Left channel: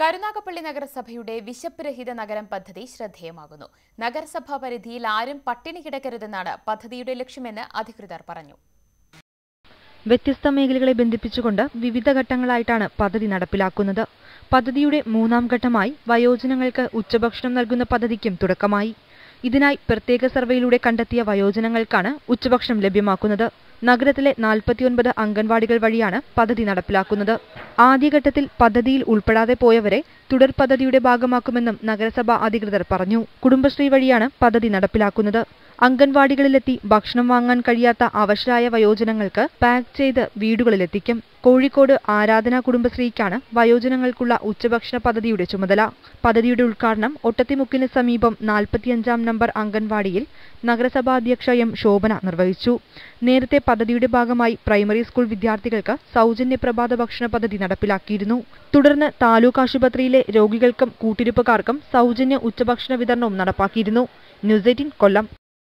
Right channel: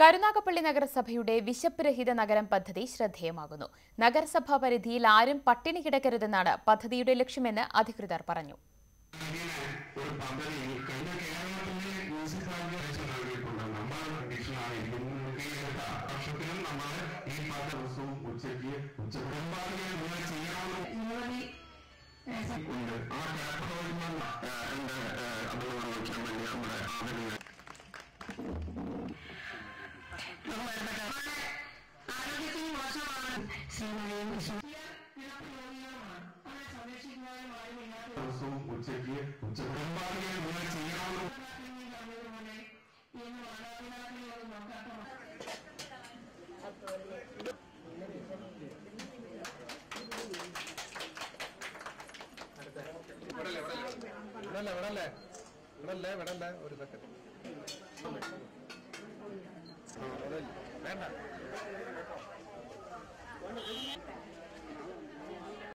കരുനാഗപ്പള്ളി നഗരസഭയുടെ വിശപ്പ് രഹിത നഗരം പദ്ധതി ശ്രദ്ധേയമാകുന്നു. നഗരസഭാ പരിധിയിൽ ആരും പട്ടിണി കിടക്കരുതെന്നാണ് പദ്ധതിയുടെ ലക്ഷ്യമെന്ന് അധികൃതർ പറഞ്ഞു. വ്യത്യസ്ത മേഖലകളെ ബന്ധിപ്പിച്ചുകൊണ്ട് വിവിധ ഘട്ടങ്ങളായിട്ടാണ് പദ്ധതി നടപ്പിലാക്കുന്നത്. പദ്ധതിയുടെ മൂന്നാം ഘട്ടമായി വയോജനങ്ങൾക്ക് ഉച്ചഭക്ഷണം നൽകുന്ന പദ്ധതിക്കും തുടക്കമായി. ഇതിനായി പ്രത്യേക സർവേയിലൂടെ കണ്ടെത്തിയ വയോജനങ്ങൾക്കാണ് ഉച്ചഭക്ഷണം ലഭ്യമാക്കുന്നത്. നഗരത്തിലെ 49 അംഗൻവാടികൾ വഴിയാണ് പദ്ധതി നടപ്പിലാക്കുന്നത്. ആദ്യഘട്ടത്തിൽ പദ്ധതിയിൽ ഉൾപ്പെടാതെ പോയവരെ തുടർ പദ്ധതിയുടെ ഭാഗമാക്കുമെന്നും നഗരസഭാ അധികൃതർ പറഞ്ഞു. കുടുംബശ്രീ വഴിയാണ് പദ്ധതി നടപ്പിലാക്കുന്നത്. അംഗൻവാടികളിലെത്തി ഭക്ഷണം വാങ്ങാൻ കഴിയാത്ത അവശരായ വയോജനങ്ങൾക്ക് പാക്ക് ചെയ്ത് വീടുകളിലെത്തിക്കും. കോഴിക്കോട് ആരാധന കുടുംബശ്രീക്കാണ് വയോജനങ്ങൾക്കുള്ള ഉച്ചഭക്ഷണ പദ്ധതിയുടെ ചുമതല. പദ്ധതിയുടെ ഉദ്ഘാടനം ഒട്ടത്തിമുക്കിന് സമീപം 45-ാം നമ്പർ അംഗൻവാടിയിൽ നഗരസഭാ അധ്യക്ഷ എം ശോഭന നിർവഹിച്ചു. നേരത്തെ പദ്ധതിയുടെ ഭാഗമായി പ്രൈമറി സ്കൂൾ വിദ്യാർത്ഥികൾക്ക് സൗജന്യ പ്രഭാത ഭക്ഷണ പദ്ധതി നടപ്പിലാക്കിയിരുന്നു. തുടർന്ന് താലൂക്ക് ആശുപത്രിയിലെ രോഗികൾക്കും കൂട്ടിരിപ്പുകാർക്കും സൗജന്യ ഉച്ചഭക്ഷണ വിതരണവും നടപ്പാക്കിയിരുന്നു. ന്യൂസ് 18 കൊല്ലം.